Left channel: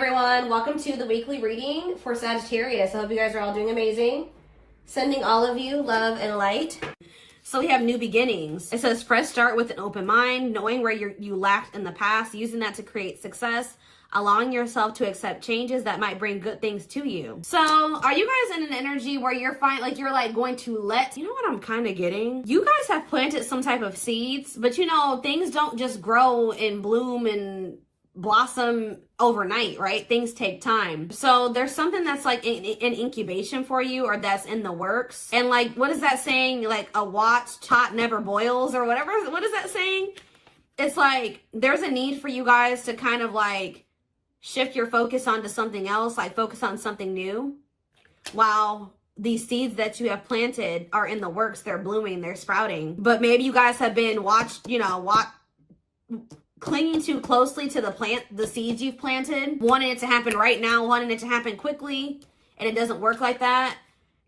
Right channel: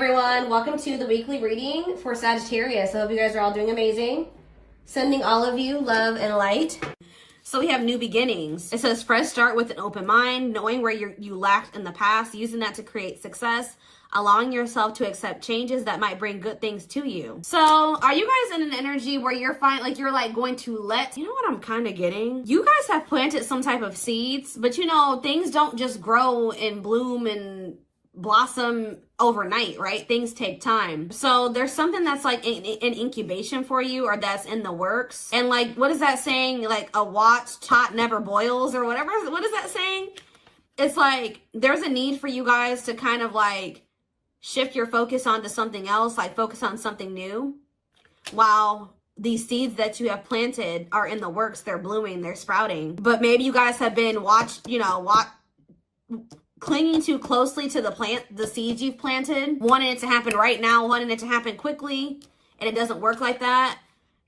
everyone, welcome to the weekly reading for Sagittarius. I hope you guys are all doing amazing. Sending all of you love and light. So we have new beginnings. It says fresh start with an open mind, knowing where you lacked in the past, using that to create success, allowing yourself to accept changes that might bring good things to you. So are you guys in an energy where you're going to let, you know what I'm kind of getting? You guys have planted some type of seeds, but you know, things don't just grow and bloom and blossom overnight, right? Things take time. So there's something that's like an incubation for you, or that's in the works. And like, what is that saying? Like, a watch tot never boils, or whatever. What is that saying? It's like there's a need for you guys to kind of like shift your focus onto something else, like focus on something new, while these seeds that you have planted are in the works. They're blooming, they're sprouting. But maybe you guys have been clinging too closely to the seeds you've planted, wanting it to happen right now, wanting it to happen quickly, and it doesn't work like that.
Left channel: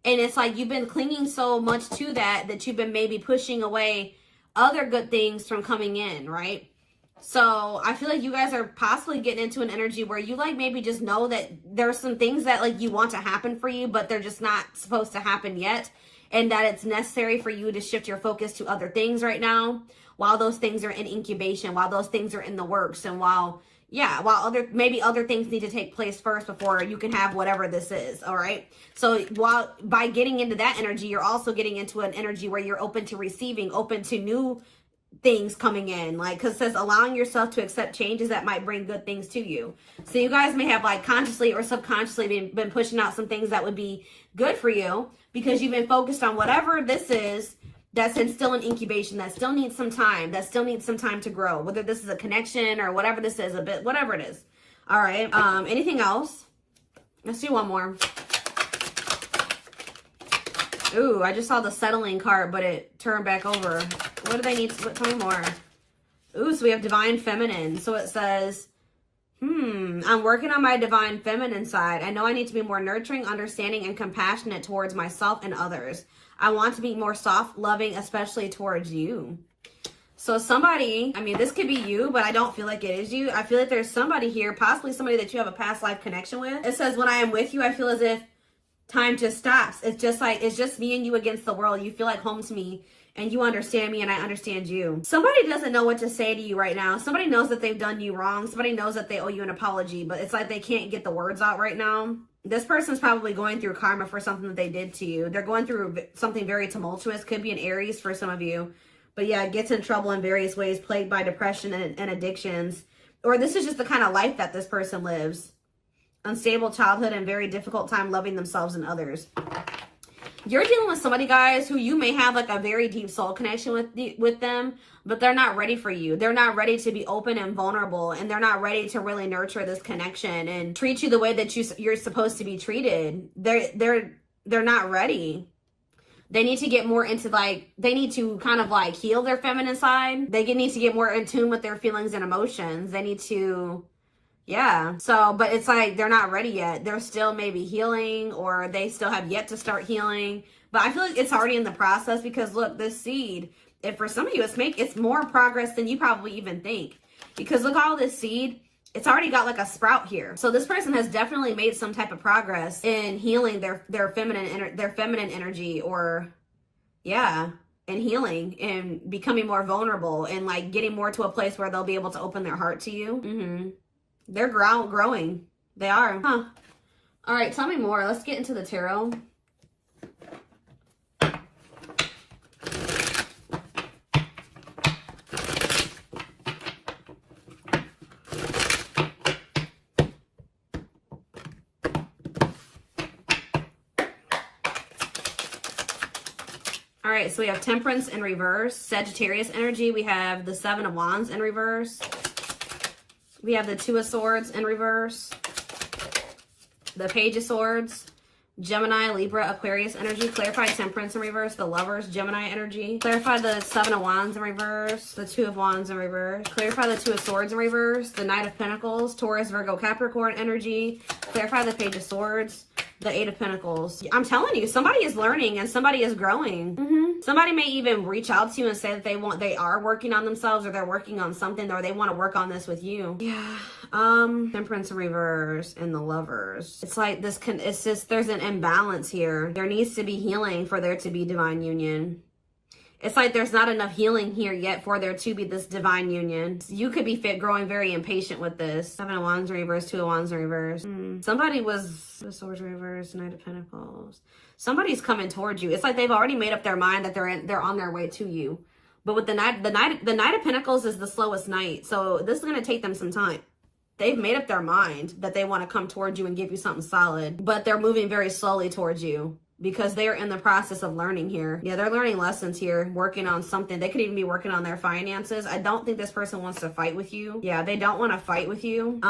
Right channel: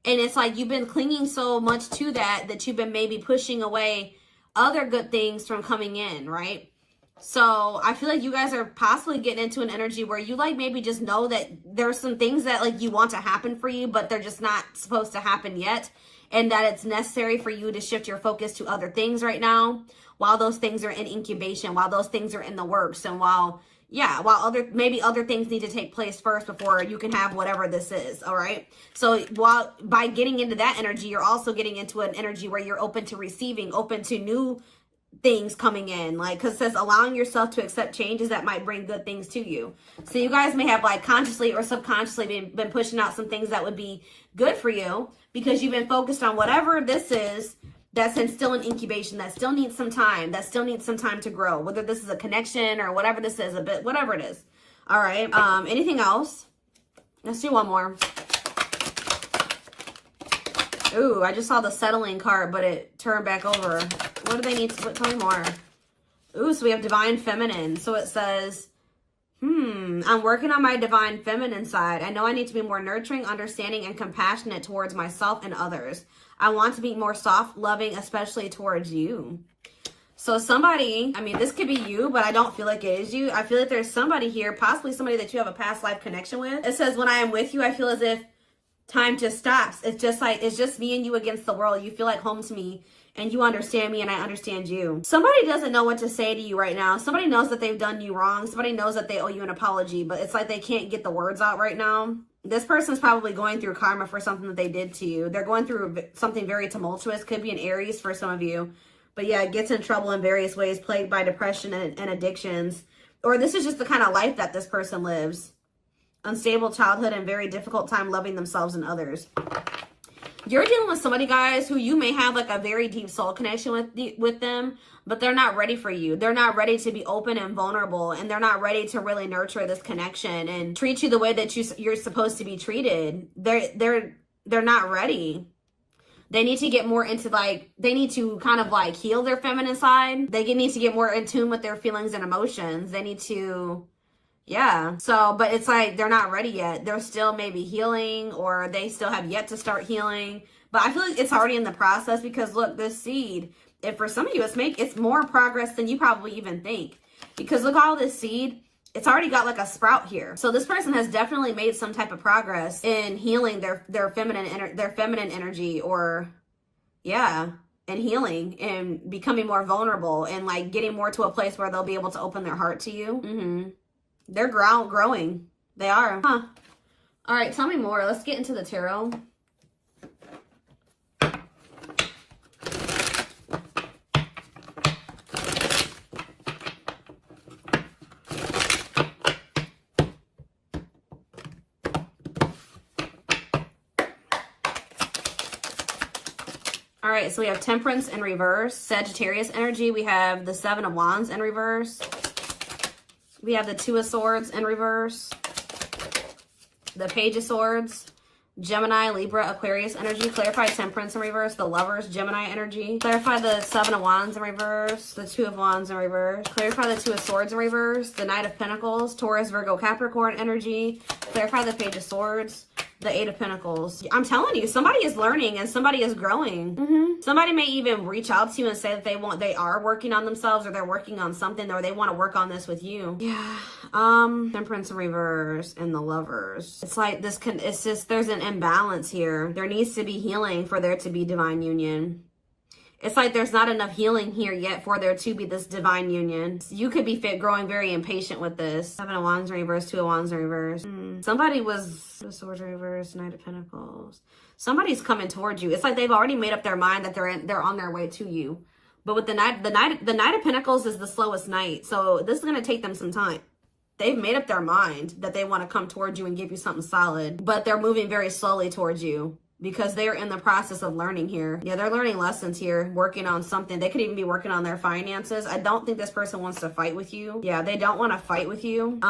And it's like you've been clinging so much to that you've been maybe pushing away other good things from coming in, right? So I feel like you guys are possibly getting into an energy where you like maybe just know that there's some things that like you want to happen for you, but they're just not supposed to happen yet, and that it's necessary for you to shift your focus to other things right now, while those things are in incubation, while those things are in the works, and while other things need to take place first before you can have whatever this is. All right. So by getting into that energy, you're also getting into an energy where you're open to receiving, open to new things coming in, like, because it says allowing yourself to accept changes that might bring good things to you. So you guys may have like consciously or subconsciously been pushing out some things that would be good for you, because you've been focused on whatever this is that's still in incubation, that still needs some time, to grow, whether this is a connection or whatever this is, whatever it is. All right. Anything else? Let's do one more. Ooh, I just saw the settling card, but it turned back over. What do they need to tell me more? Ooh, so we have divine feminine. So it says, I'm working on my divine feminine side. I know I need to be more nurturing, understanding, and compassionate towards myself and others. I want to be more soft, loving, especially towards you. So somebody, I mean, this could be you, but I don't feel like it is you. I feel like there's somebody here, possibly somebody that you have a past life connection with. It says, when I am with you, I feel as if time just stops. It's just me and you against the world. You feel like home to me, and you understand me, and I understand you. Somebody doesn't know what to say to you right now. Somebody knows that they've done you wrong. Somebody knows that they owe you an apology, but it's like they can't get the words out right now. This person's probably going through karma for something that they did to you. They're going through something very tumultuous. Could be an Aries for some of you. But yeah, gets in trouble in various ways, plagued by depression and addictions. Or this is just the kind of life that this person lives. Unstable childhood and very difficult time loving themselves and others. You're dealing with somebody, guys, who you may have like a very deep soul connection with them, but they're not ready for you. They're not ready to be open and vulnerable, and they're not ready to really nurture this connection and treat you the way that you're supposed to be treated. They're not ready. They need to get more into they need to kind of like heal their feminine side. They need to get more in tune with their feelings and emotions. They need to, yeah. So, but it's like they're not ready yet. They're still maybe healing, or they still have yet to start healing. But I feel like it's already in the process, because look, this seed, and for some of you, it's more progress than you probably even think. Because look, all this seed, it's already got like a sprout here. So this person has definitely made some type of progress in healing their feminine energy, or yeah, and healing and becoming more vulnerable, and like getting more to a place where they'll be able to open their heart to you. They're growing. They are. Huh. All right, tell me more. Let's get into the tarot. All right, so we have Temperance in reverse, Sagittarius energy. We have the Seven of Wands in reverse. We have the Two of Swords in reverse, the Page of Swords, Gemini, Libra, Aquarius energy. Clarify Temperance in reverse, the Lovers, Gemini energy. Clarify the Seven of Wands in reverse, the Two of Wands in reverse. Clarify the Two of Swords in reverse, the Knight of Pentacles, Taurus, Virgo, Capricorn energy. Clarify the Page of Swords, The Eight of Pentacles. I'm telling you, somebody is learning and somebody is growing. Somebody may even reach out to you and say that they are working on themselves, or they're working on something, or they want to work on this with you. Yeah. Temperance in reverse and the Lovers. It's like this it's just, there's an imbalance here. There needs to be healing for there to be divine union. It's like there's not enough healing here yet for there to be this divine union. You could be growing very impatient with this. Seven of Wands reverse, Two of Wands reverse. Somebody was the Swords reverse, Knight of Pentacles. Somebody's coming towards you. It's like they've already made up their mind that they're on their way to you. But with the Knight of Pentacles is the slowest knight. So this is going to take them some time. They've made up their mind that they want to come towards you and give you something solid, but they're moving very slowly towards you, because they're in the process of learning here. Yeah, they're learning lessons here, working on something. They could even be working on their finances. I don't think this person wants to fight with you. Yeah, they don't want to fight with you.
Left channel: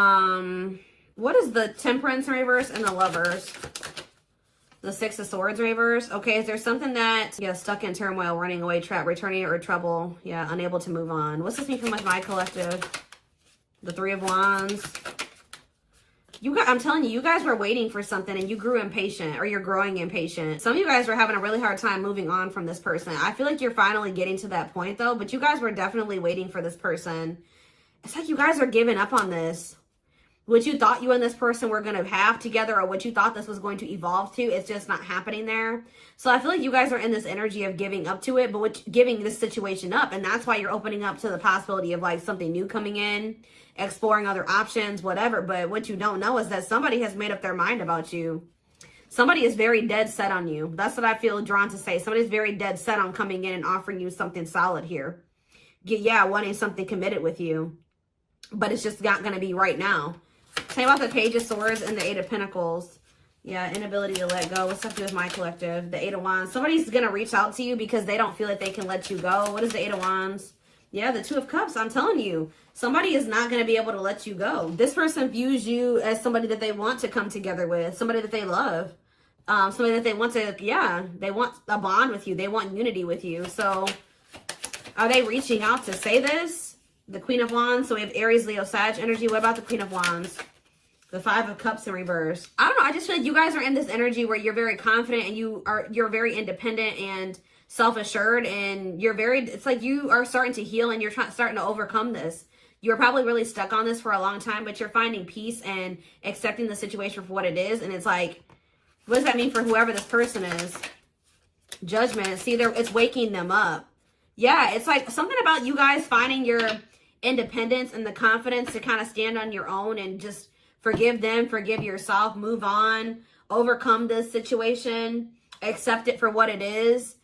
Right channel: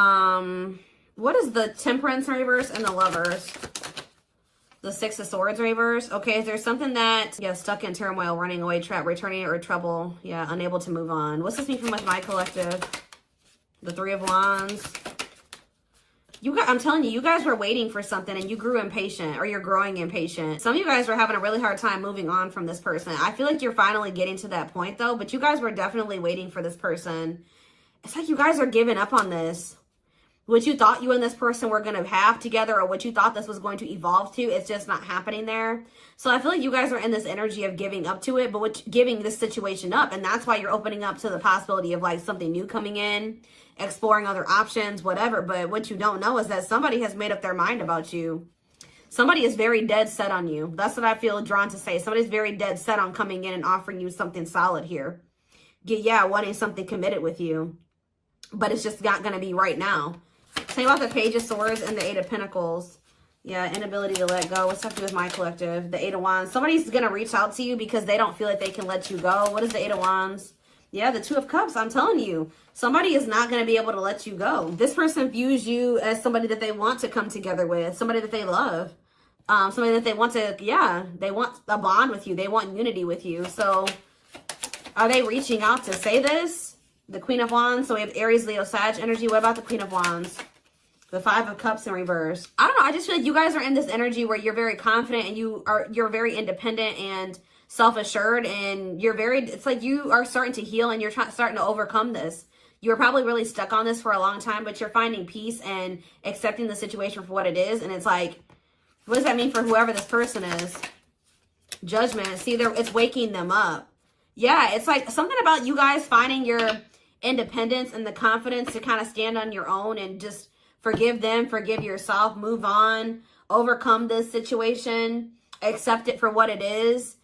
What is the Temperance reverse and the Lovers? The Six of Swords reverse. Okay, is there something that, yeah, stuck in turmoil, running away, trap, returning, or trouble? Yeah, unable to move on. What's this mean for my collective? The Three of Wands. You guys, I'm telling you, you guys were waiting for something and you grew impatient, or you're growing impatient. Some of you guys were having a really hard time moving on from this person. I feel like you're finally getting to that point though, but you guys were definitely waiting for this person. It's like you guys are giving up on this. What you thought you and this person were going to have together, or what you thought this was going to evolve to, it's just not happening there. So I feel like you guys are in this energy of giving up to it, but giving this situation up. And that's why you're opening up to the possibility of like something new coming in, exploring other options, whatever. But what you don't know is that somebody has made up their mind about you. Somebody is very dead set on you. That's what I feel drawn to say. Somebody's very dead set on coming in and offering you something solid here. Yeah, wanting something committed with you. But it's just not going to be right now. Say about the Page of Swords and the Eight of Pentacles. Yeah, inability to let go. What's happening with my collective? The Eight of Wands. Somebody's going to reach out to you because they don't feel like they can let you go. What is the Eight of Wands? Yeah, the Two of Cups. I'm telling you. Somebody is not going to be able to let you go. This person views you as somebody that they want to come together with. Somebody that they love. Somebody that they want to, yeah, they want a bond with you. They want unity with you. So are they reaching out to say this? The Queen of Wands. So we have Aries, Leo, Sag energy. What about the Queen of Wands? The Five of Cups in reverse. I don't know. I just feel like you guys are in this energy where you're very confident and you're very independent and self-assured, and it's like you are starting to heal and you're starting to overcome this. You're probably really stuck on this for a long time, but you're finding peace and accepting the situation for what it is. And it's like, what does that mean for whoever this person is? Judgment. See, it's waking them up. Yeah, it's like something about you guys finding your independence and the confidence to kind of stand on your own and just forgive them, forgive yourself, move on, overcome this situation, accept it for what it is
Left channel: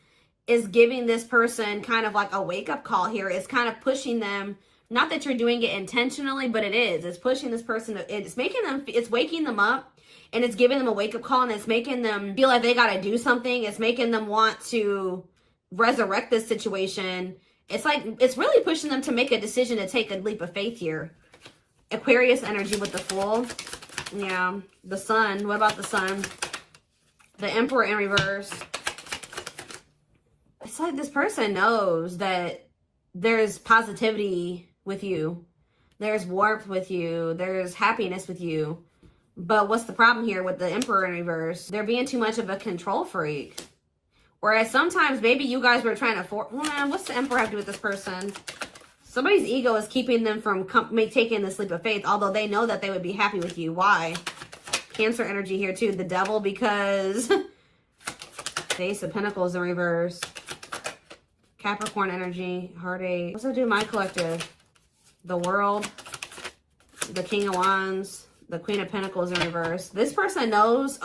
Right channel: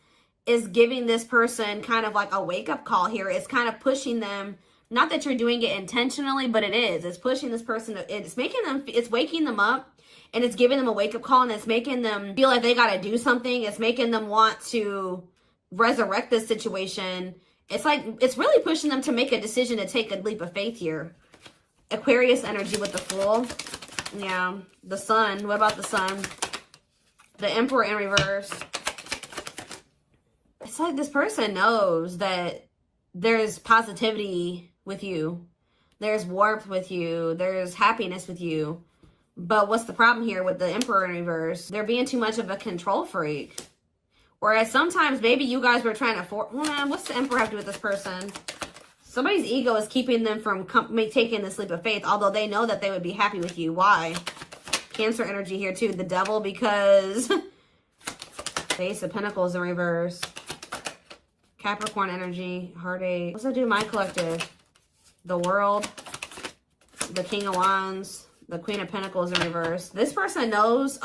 giving this person kind of like a wake-up call here. It's kind of pushing them, not that you're doing it intentionally, but it is. It's pushing this person, it's waking them up, and it's giving them a wake-up call, and it's making them feel like they got to do something. It's making them want to resurrect this situation. It's like, it's really pushing them to make a decision to take a leap of faith here. Aquarius energy with the Fool. Yeah. The Sun. What about the Sun? The Emperor in reverse. It's like this person knows that there's positivity with you. There's warmth with you. There's happiness with you. But what's the problem here with the Emperor in reverse? They're being too much of a control freak. Whereas sometimes maybe you guys were trying to what's the Emperor have to do with this person? Somebody's ego is keeping them from taking the leap of faith, although they know that they would be happy with you. Why? Cancer energy here too. The Devil, because the Ace of Pentacles in reverse. Capricorn energy, heartache. What's it do to my collective? The World, the King of Wands, the Queen of Pentacles in reverse. This person knows,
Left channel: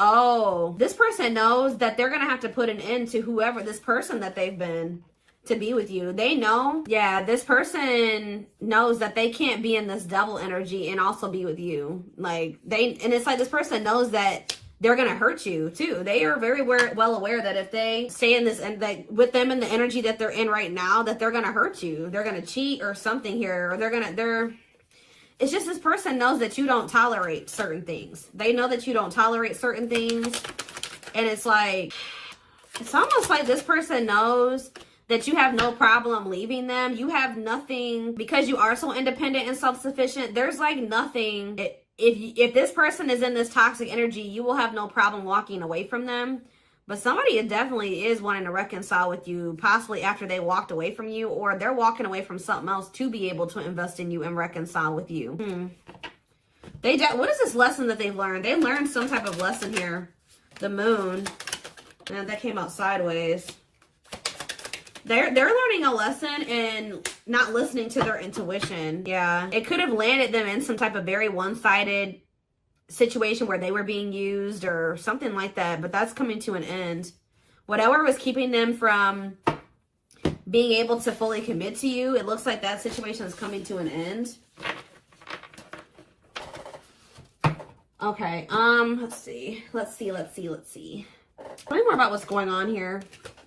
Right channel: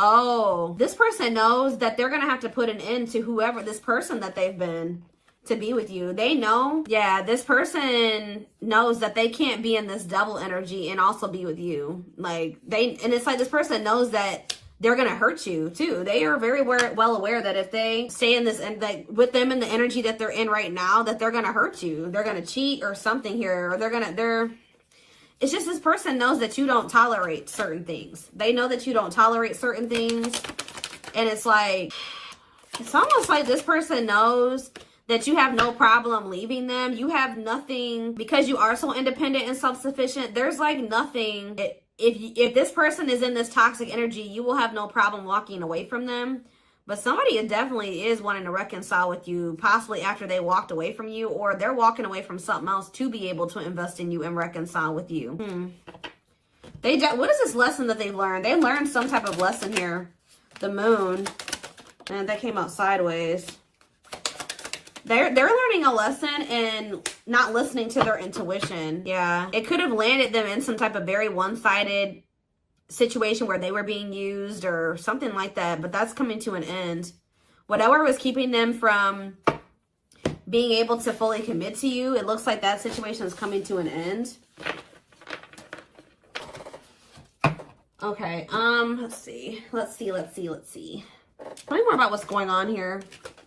this person knows that they're going to have to put an end to whoever this person that they've been to be with you. They know, yeah, this person knows that they can't be in this double energy and also be with you. And it's like this person knows that they're going to hurt you too. They are very well aware that if they stay in this, and like with them in the energy that they're in right now, that they're going to hurt you. They're going to cheat or something here, or it's just this person knows that you don't tolerate certain things. They know that you don't tolerate certain things. And it's like, it's almost like this person knows that you have no problem leaving them. You have nothing, because you are so independent and self-sufficient. There's like nothing if this person is in this toxic energy, you will have no problem walking away from them. But somebody definitely is wanting to reconcile with you, possibly after they walked away from you, or they're walking away from something else to be able to invest in you and reconcile with you. What is this lesson that they've learned? They learned some type of lesson here. The moon. And that came out sideways. They're learning a lesson and not listening to their intuition. Yeah. It could have landed them in some type of very one-sided situation where they were being used or something like that. But that's coming to an end. Whatever was keeping them from being able to fully commit to you, it looks like that situation is coming to an end. Okay, let's see. Tell me more about what's going on here.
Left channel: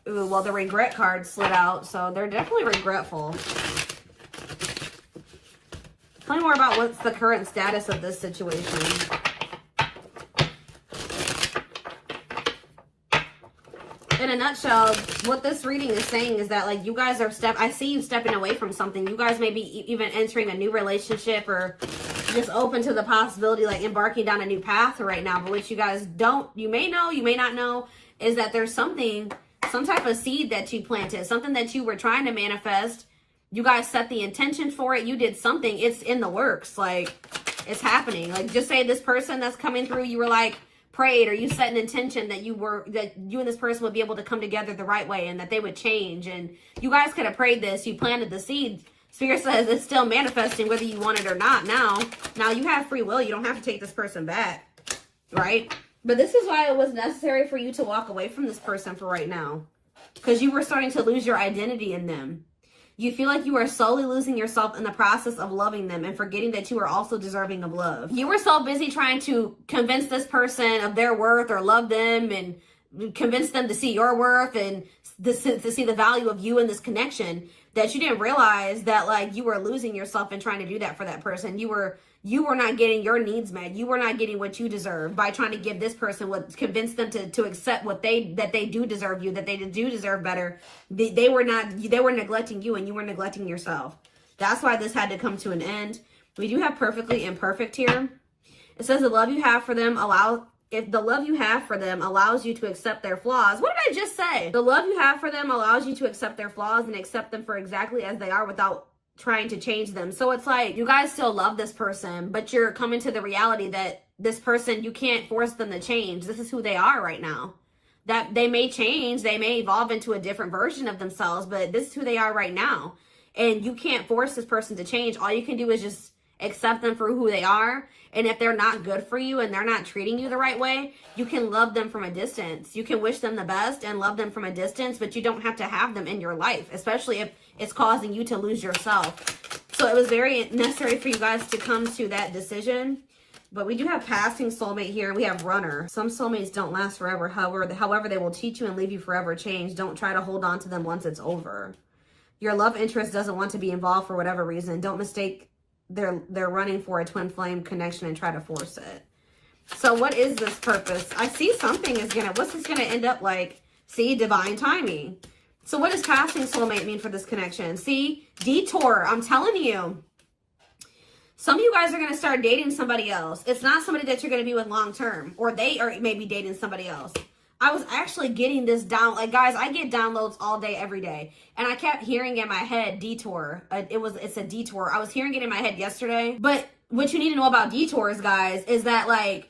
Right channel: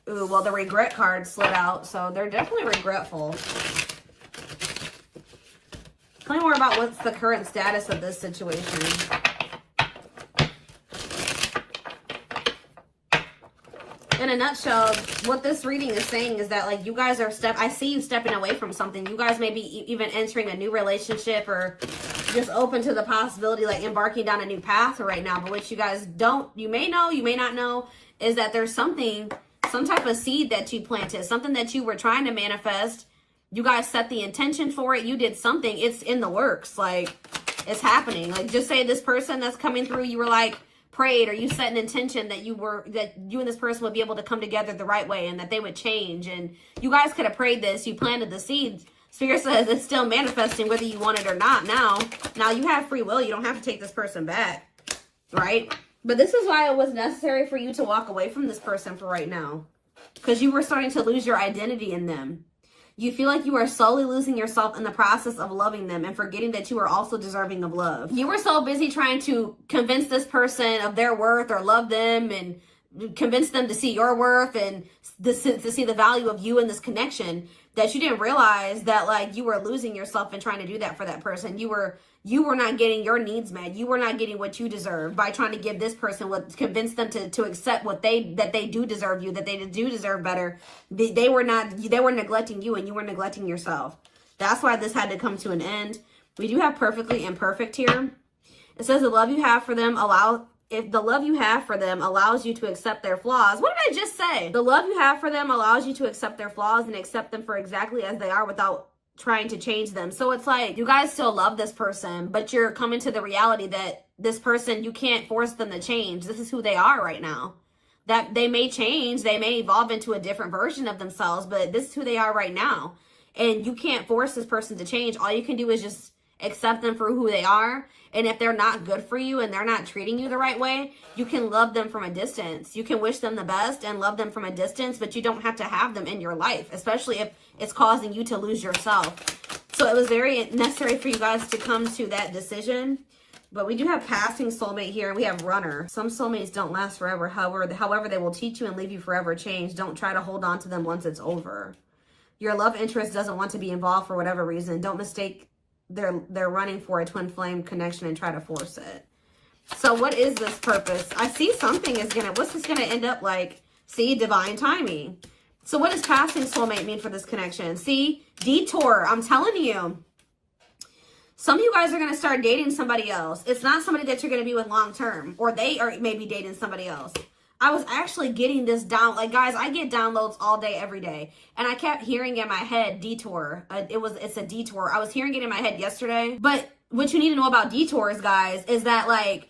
Ooh, well, the regret card slid out, so they're definitely regretful. Tell me more about what's the current status of this situation. In a nutshell, what this reading is saying is that, like, you guys are I see you stepping away from something. You guys may be even entering a new relationship or just open to the possibility, like, embarking down a new path right now. But what you guys you may know, you may not know, is that there's some type of seed that you planted, something that you were trying to manifest. You guys set the intention for it. You did something. It's in the works. Like, it's happening. Like, just say this person that's coming through, you were like, prayed, or you set an intention that you and this person would be able to come together the right way and that they would change. And you guys could have prayed this. You planted the seed. Spirit says it's still manifesting whether you want it or not now you have free will. You don't have to take this person back, right? But this is why it was necessary for you to walk away from this person for right now, because you were starting to lose your identity in them. You feel like you are slowly losing yourself in the process of loving them and forgetting that you are also deserving of love. You were so busy trying to convince this person of their worth or love them and convince them to see your worth and to see the value of you in this connection that you didn't realize that, like, you were losing yourself in trying to do that for that person. You were not getting your needs met. You were not getting what you deserve by trying to give this person convince them to accept that they do deserve you, that they do deserve better. They were neglecting you, and you were neglecting yourself. That's why this had to come to an end. We do have perfectly imperfect here. It says the love you have for them if the love you have for them allows you to accept their flaws. What did I just say? The love you have for them allows you to accept their flaws and accept them for exactly as they are without trying to change them. So it's like you guys still love this person, but you're coming to the reality that this person, you can't force them to change. This is who they are right now. That they may change, they may evolve into a different version of themselves, but this is who they are right now. And you can't force this person to change. All you can do is just accept them for who they are. And if they're not good for you and they're not treating you the right way, you can love them from a distance. You can wish them the best and love them from a distance, but you don't have to have them in your life, especially if it's causing you to lose yourself. So it was very necessary for you guys to come to that decision. But we do have passing soulmate here. We have runner. Some soulmates don't last forever. However, they will teach you and leave you forever changed. Don't try to hold on to them once it's over. Your love interest doesn't want to be involved for whatever reason. Don't mistake they're running for a twin flame connection and try to force it. So what is this purpose? I see something what's this gonna end up like? See, divine timing. So what does passing soulmate mean for this connection? See, detour. I'm telling you, some of you guys are gonna start dating somebody else. It's not somebody that you're gonna be with long term, or they are maybe dating somebody else. I was actually getting this down. Like, guys, I get downloads all day, every day. And I kept hearing in my head, detour. It's a detour. I was hearing it in my head yesterday. But what you need to know about detours, guys, is that, like,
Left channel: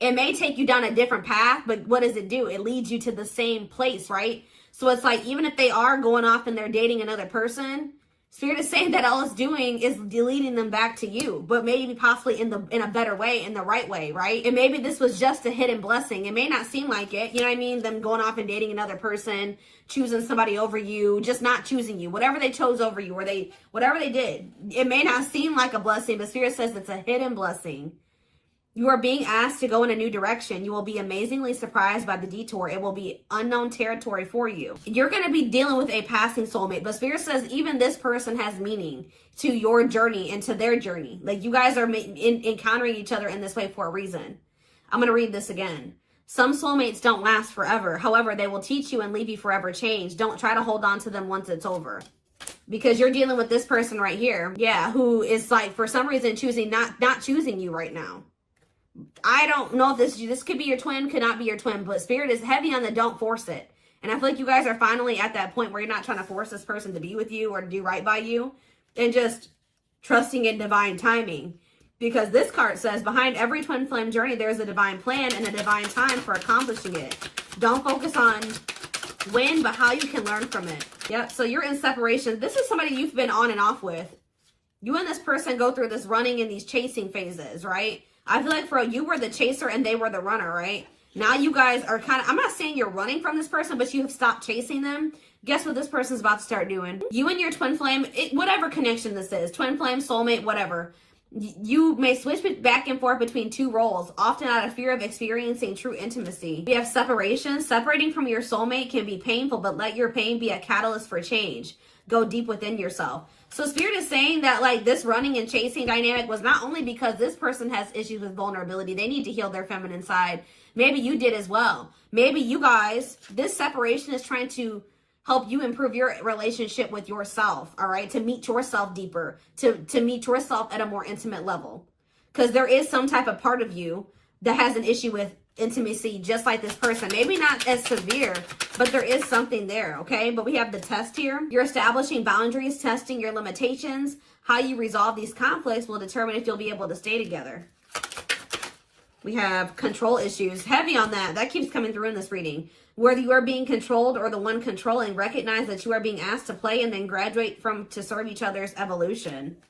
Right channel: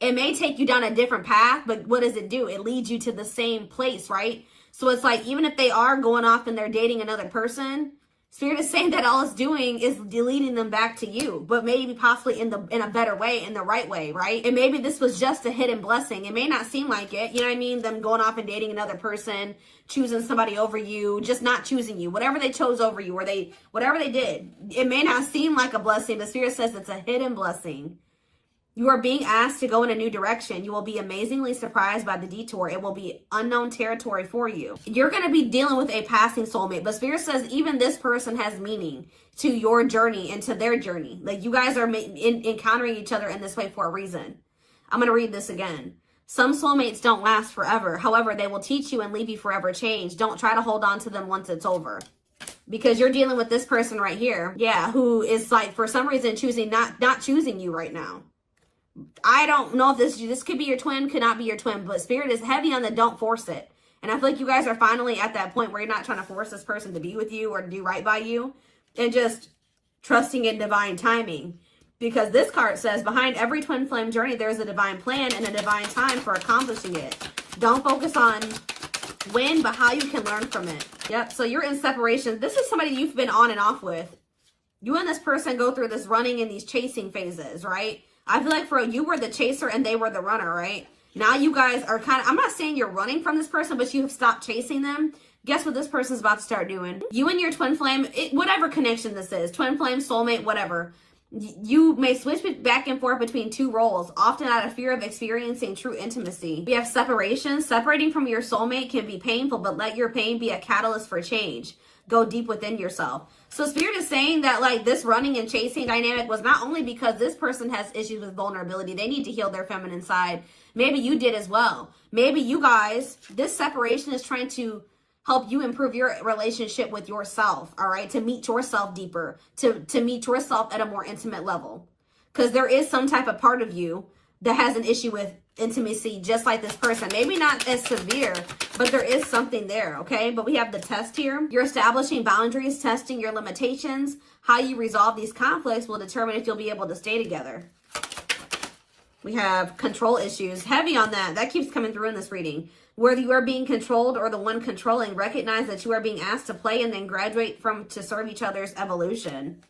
it may take you down a different path, but what does it do? It leads you to the same place, right? So it's like, even if they are going off and they're dating another person, Spirit is saying that all it's doing is leading them back to you, but maybe possibly in a better way, in the right way, right? And maybe this was just a hidden blessing. It may not seem like it, you know what I mean? Them going off and dating another person, choosing somebody over you, just not choosing you, whatever they chose over you, or whatever they did. It may not seem like a blessing, but Spirit says it's a hidden blessing. You are being asked to go in a new direction. You will be amazingly surprised by the detour. It will be unknown territory for you. You're going to be dealing with a passing soulmate. But Spirit says even this person has meaning to your journey and to their journey. Like, you guys are encountering each other in this way for a reason. I'm going to read this again. Some soulmates don't last forever. However, they will teach you and leave you forever changed. Don't try to hold on to them once it's over. Because you're dealing with this person right here. Yeah, who is, like, for some reason choosing not choosing you right now. I don't know if this could be your twin, could not be your twin, but Spirit is heavy on the don't force it. And I feel like you guys are finally at that point where you're not trying to force this person to be with you or to do right by you. And just trusting in divine timing. Because this card says, behind every twin flame journey, there's a divine plan and a divine time for accomplishing it. Don't focus on when, but how you can learn from it. Yep, so you're in separation. This is somebody you've been on and off with. You and this person go through this running and these chasing phases, right? I feel like for you were the chaser and they were the runner, right? Now you guys are kind of, I'm not saying you're running from this person, but you have stopped chasing them. Guess what this person's about to start doing? You and your twin flame, whatever connection this is, twin flame, soulmate, whatever. You may switch back and forth between two roles, often out of fear of experiencing true intimacy. We have separation. Separating from your soulmate can be painful, but let your pain be a catalyst for change. Go deep within yourself. So Spirit is saying that like this running and chasing dynamic was not only because this person has issues with vulnerability. They need to heal their feminine side. Maybe you did as well. Maybe you guys, this separation is trying to help you improve your relationship with yourself, all right? To meet yourself deeper, to meet yourself at a more intimate level. Because there is some type of part of you that has an issue with intimacy, just like this person. Maybe not as severe, but there is something there, okay? But we have the test here. You're establishing boundaries, testing your limitations. How you resolve these conflicts will determine if you'll be able to stay together. We have control issues. Heavy on that. That keeps coming through in this reading. Whether you are being controlled or the one controlling, recognize that you are being asked to play and then graduate to serve each other's evolution.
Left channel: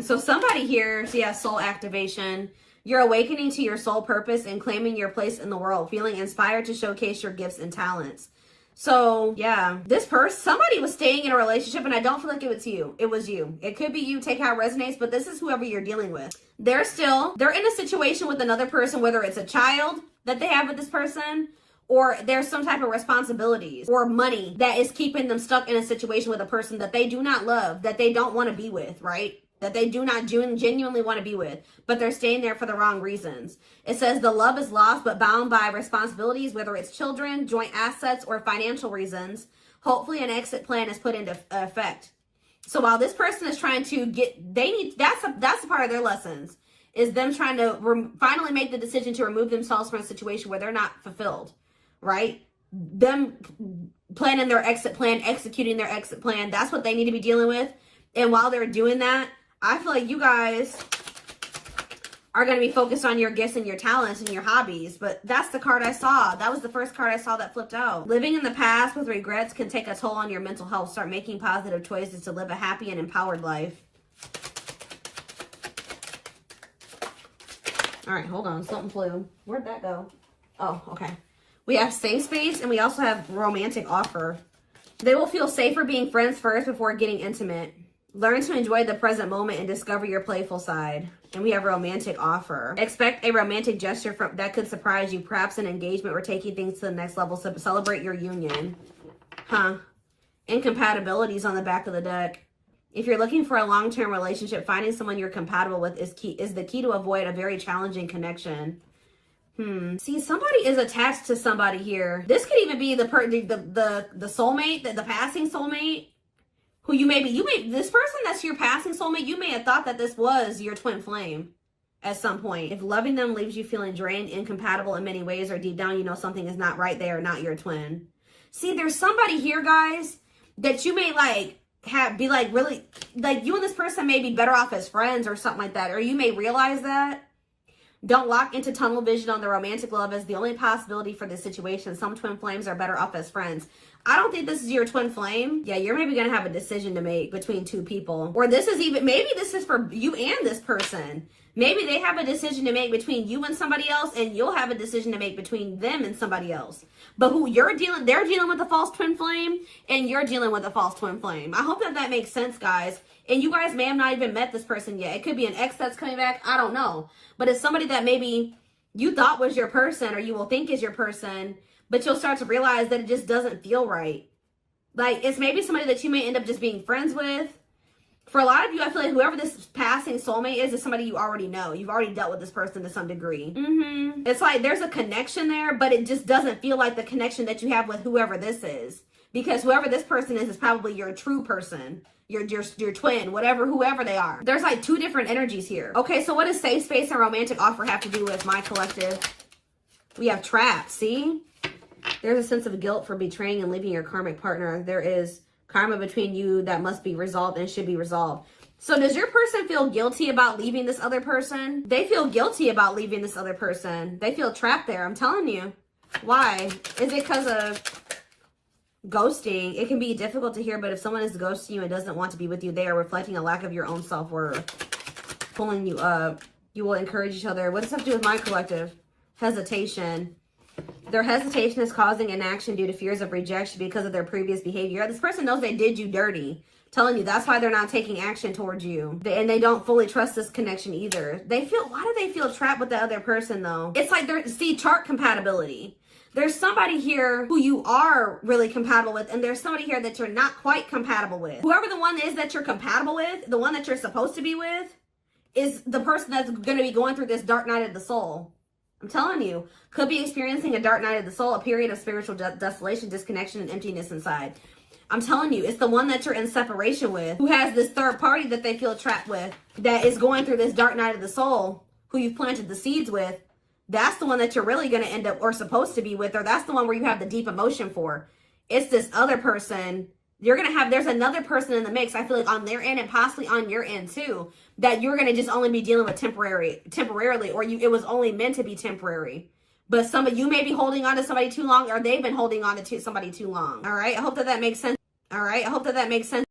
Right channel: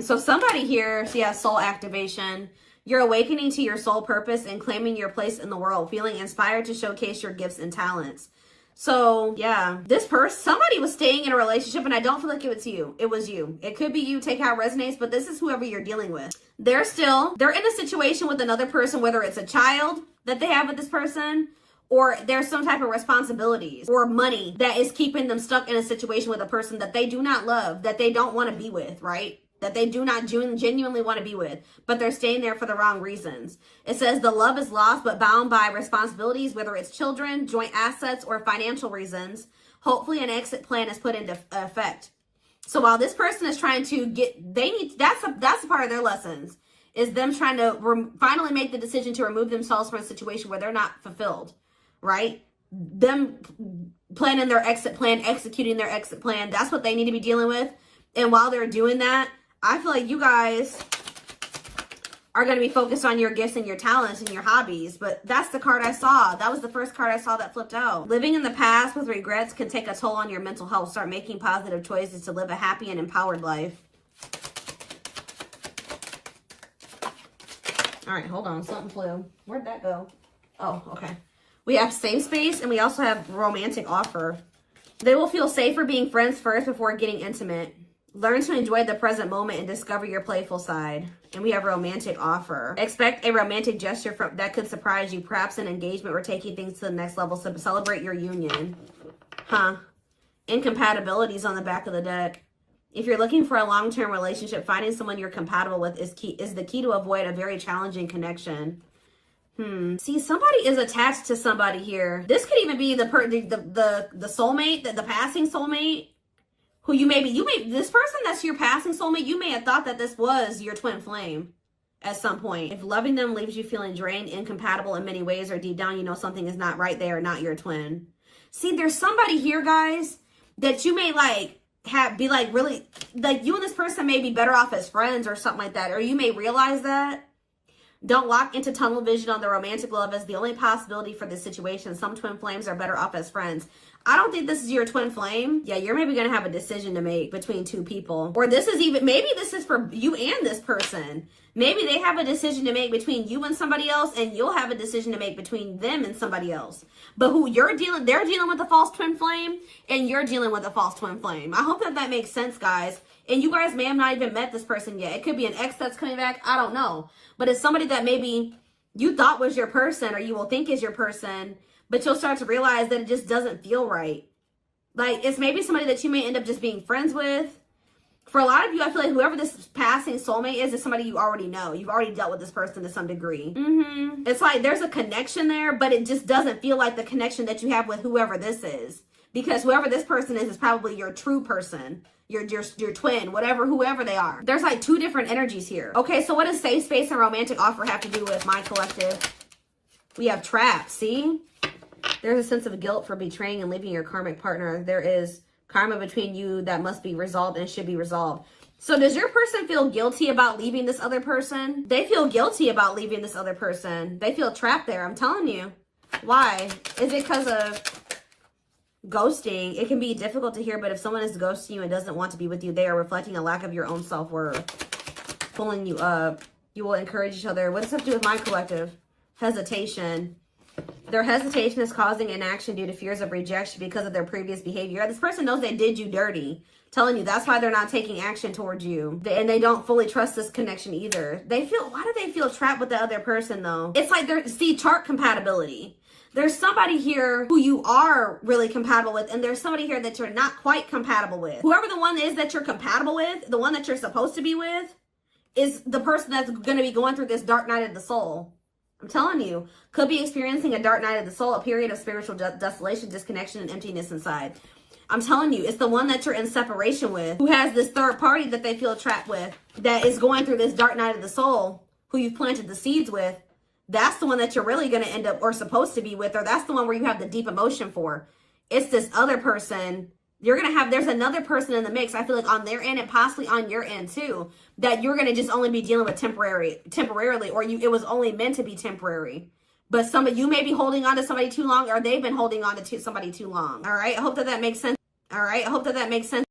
So somebody here, so yeah, soul activation. You're awakening to your soul purpose and claiming your place in the world, feeling inspired to showcase your gifts and talents. So yeah, this person, somebody was staying in a relationship, and I don't feel like it was you. It was you. It could be you. Take how it resonates, but this is whoever you're dealing with. They're in a situation with another person, whether it's a child that they have with this person, or there's some type of responsibilities or money that is keeping them stuck in a situation with a person that they do not love, that they don't want to be with, right? That they do not genuinely want to be with, but they're staying there for the wrong reasons. It says the love is lost, but bound by responsibilities, whether it's children, joint assets, or financial reasons. Hopefully an exit plan is put into effect. So while this person is trying to that's a part of their lessons, is them trying to finally make the decision to remove themselves from a situation where they're not fulfilled, right? Them planning their exit plan, executing their exit plan. That's what they need to be dealing with. And while they're doing that, I feel like you guys are going to be focused on your gifts and your talents and your hobbies. But that's the card I saw. That was the first card I saw that flipped out. Living in the past with regrets can take a toll on your mental health. Start making positive choices to live a happy and empowered life. All right, hold on. Something flew. Where'd that go? Oh, okay. We have safe space, and we also have romantic offer. They will feel safer being friends first before getting intimate. Learn to enjoy the present moment and discover your playful side. And we have romantic offer. Expect a romantic gesture that could surprise you, perhaps an engagement or taking things to the next level. So celebrate your union. Incompatibilities on the back of the deck. If you're looking for a long-term relationship, finding someone you're compatible with is the key to avoid a very challenging connection. See, somebody is attached to somebody here. This could even be the soulmate, the passing soulmate. Who this person that's your passing soulmate, you may have thought that this was your twin flame at some point. If loving them leaves you feeling drained, incompatible in many ways, or deep down you know something is not right, they are not your twin. See, there's somebody here, guys, that you may really, you and this person may be better off as friends or something like that, or you may realize that. Don't lock into tunnel vision on the romantic love as the only possibility for this situation. Some twin flames are better off as friends. I don't think this is your twin flame. Yeah, you're maybe going to have a decision to make between two people. Or maybe this is for you and this person. Maybe they have a decision to make between you and somebody else, and you'll have a decision to make between them and somebody else. But they're dealing with a false twin flame, and you're dealing with a false twin flame. I hope that makes sense, guys. And you guys may have not even met this person yet. It could be an ex that's coming back. I don't know. But it's somebody that maybe you thought was your person, or you will think is your person, but you'll start to realize that it just doesn't feel right. Like, it's maybe somebody that you may end up just being friends with. For a lot of you, I feel like whoever this passing soulmate is somebody you already know. You've already dealt with this person to some degree. It's like there's a connection there, but it just doesn't feel like the connection that you have with whoever this is. Because whoever this person is probably your true person. your twin, whatever, whoever they are. There's like two different energies here. Okay, so what does safe space and romantic offer have to do with my collective? We have trap, see? There's a sense of guilt for betraying and leaving your karmic partner. There is karma between you that must be resolved and should be resolved. So does your person feel guilty about leaving this other person? They feel guilty about leaving this other person. They feel trapped there, I'm telling you. Why? Is it because of ghosting? It can be difficult to hear, but if someone is ghosting you and doesn't want to be with you, they are reflecting a lack of your own self-worth. Pulling you up. You will encourage each other. What does this have to do with my collective? Hesitation. Their hesitation is causing inaction due to fears of rejection because of their previous behavior. This person knows they did you dirty. Telling you that's why they're not taking action towards you. And they don't fully trust this connection either. They feel, why do they feel trapped with the other person though? It's like they're, see, chart compatibility. There's somebody here who you are really compatible with, and there's somebody here that you're not quite compatible with. Whoever the one is that you're compatible with, the one that you're supposed to be with, is the person that's going to be going through this dark night of the soul. I'm telling you, could be experiencing a dark night of the soul, a period of spiritual desolation, disconnection, and emptiness inside. I'm telling you, it's the one that you're in separation with, who has this third party that they feel trapped with, that is going through this dark night of the soul, who you've planted the seeds with. That's the one that you're really going to end up, or supposed to be with, or that's the one where you have the deep emotion for. It's this other person. You're going to have, there's another person in the mix, I feel like on their end and possibly on your end too, that you're going to just only be dealing with temporarily, or it was only meant to be temporary. But some of you may be holding on to somebody too long, or they've been holding on to somebody too long. All right. I hope that makes sense. All right. I hope that makes sense.